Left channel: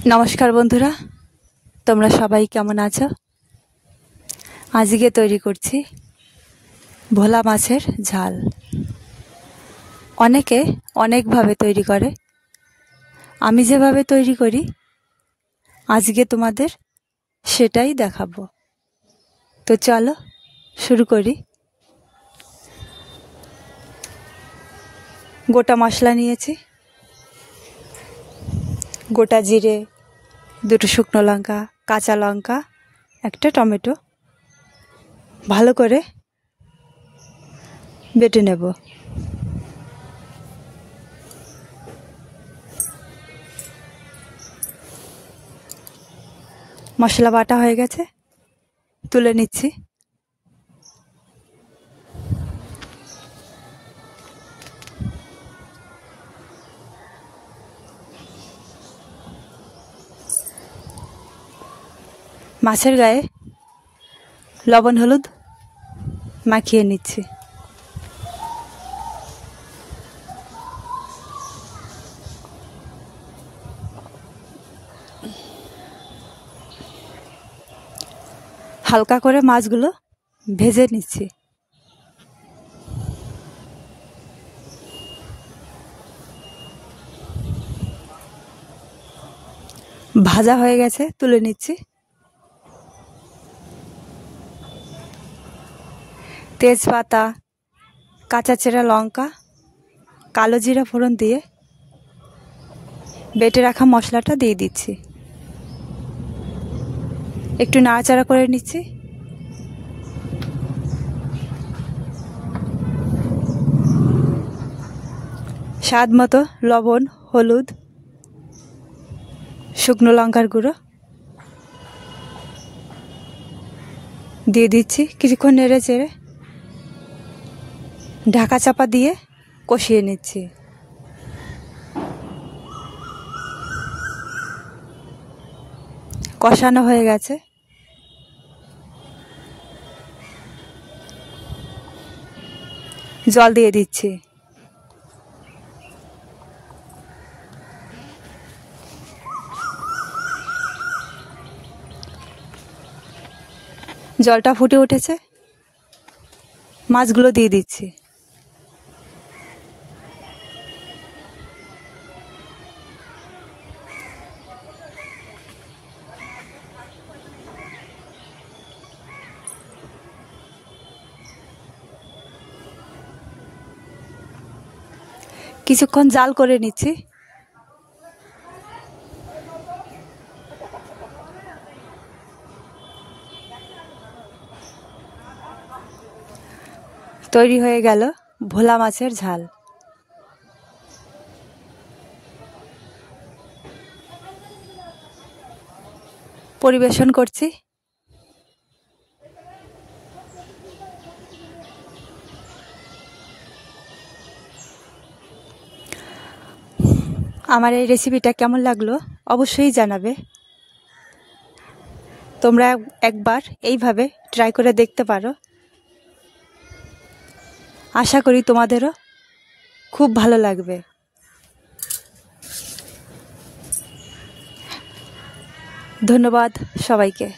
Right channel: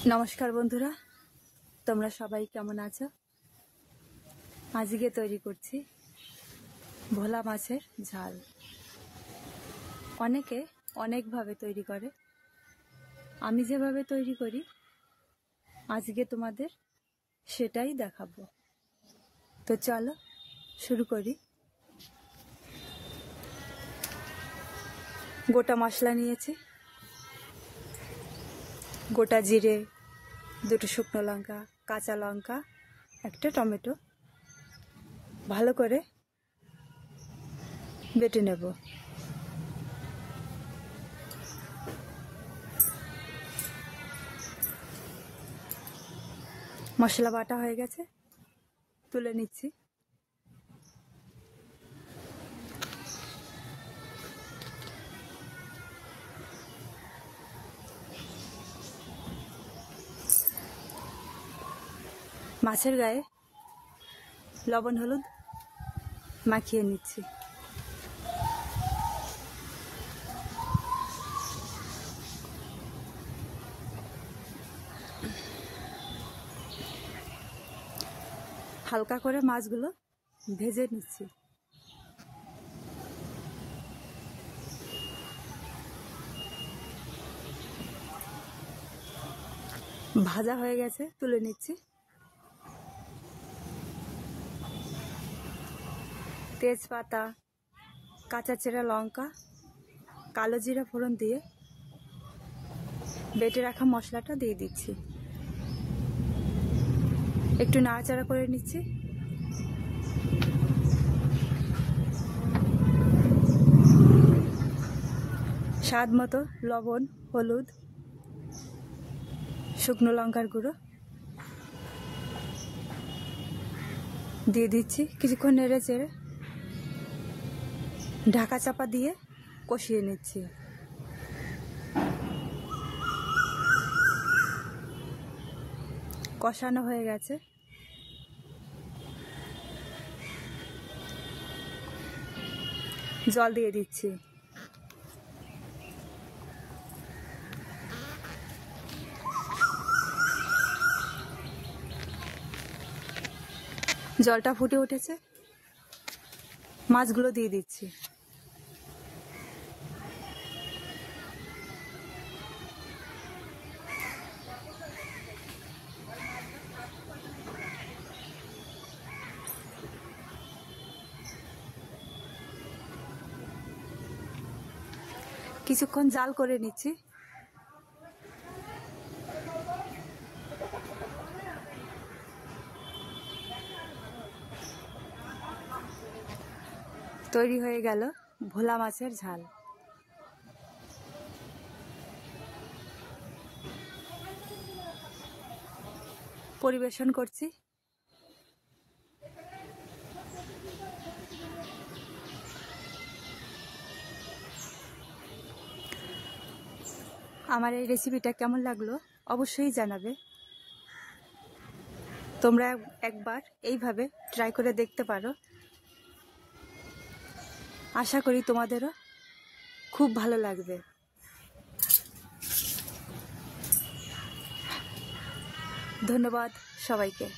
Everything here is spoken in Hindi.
नमस्कार बंधुरा तोमरा सबाई केमन आछो। आजके तैरी करछि भोला माछेर झाल। अनेके अनेक भावे तैरी करे, आमी जेभावे तैरी करी आजके तोमादेर सेटाई देखाबो। तो चलो शुरू करी। गोटा मशला नियेछि, गोटा जिरे, दुटो शुकनो लंका, काँचा लंका, एकटा टमेटो भालो करे बेटे नेब। मशला बाटा हये गेछे, तुले निচ্ছি। माছের গায়ে লবণ হলুদ মাখিয়ে নিচ্ছি। হালকা করে মাছগুলো ভেজে নিচ্ছি। ভাজা হয়ে গেছে, তুলে নিচ্ছি। तेजपाता, काँचा चेरा लंका, कालो जिरा फोड़न दिए बेटे रखा मशलाटा दिए दिচ্ছি। एकटू नाड़ाचाड़ा करे निচ্ছি। स्वाद मतो लवण, हलुद, शुकनो लंकार गुঁড়ো दिए दिচ্ছি। কিছুক্ষণ নেড়ে চেড়ে ঢাকা চাপা দিয়ে কষিয়ে নিচ্ছি। কষানো হয়ে গেছে, জল দিয়ে দিচ্ছি। জলটা ফুটে উঠেছে, মাছগুলো দিয়ে দিচ্ছি। কিছুক্ষণ জাল করে নিচ্ছি। তৈরি হয়ে গেল ভোলা মাছের ঝাল। পরিবেশন করছি। আমার এই রেসিপিটা কেমন লাগলো অবশ্যই জানাবে। তোমরা একবার এইভাবে ট্রাই করে দেখতে পারো। আশা করি তোমাদেরও খুব ভালো লাগবে। ধন্যবাদ সবাইকে।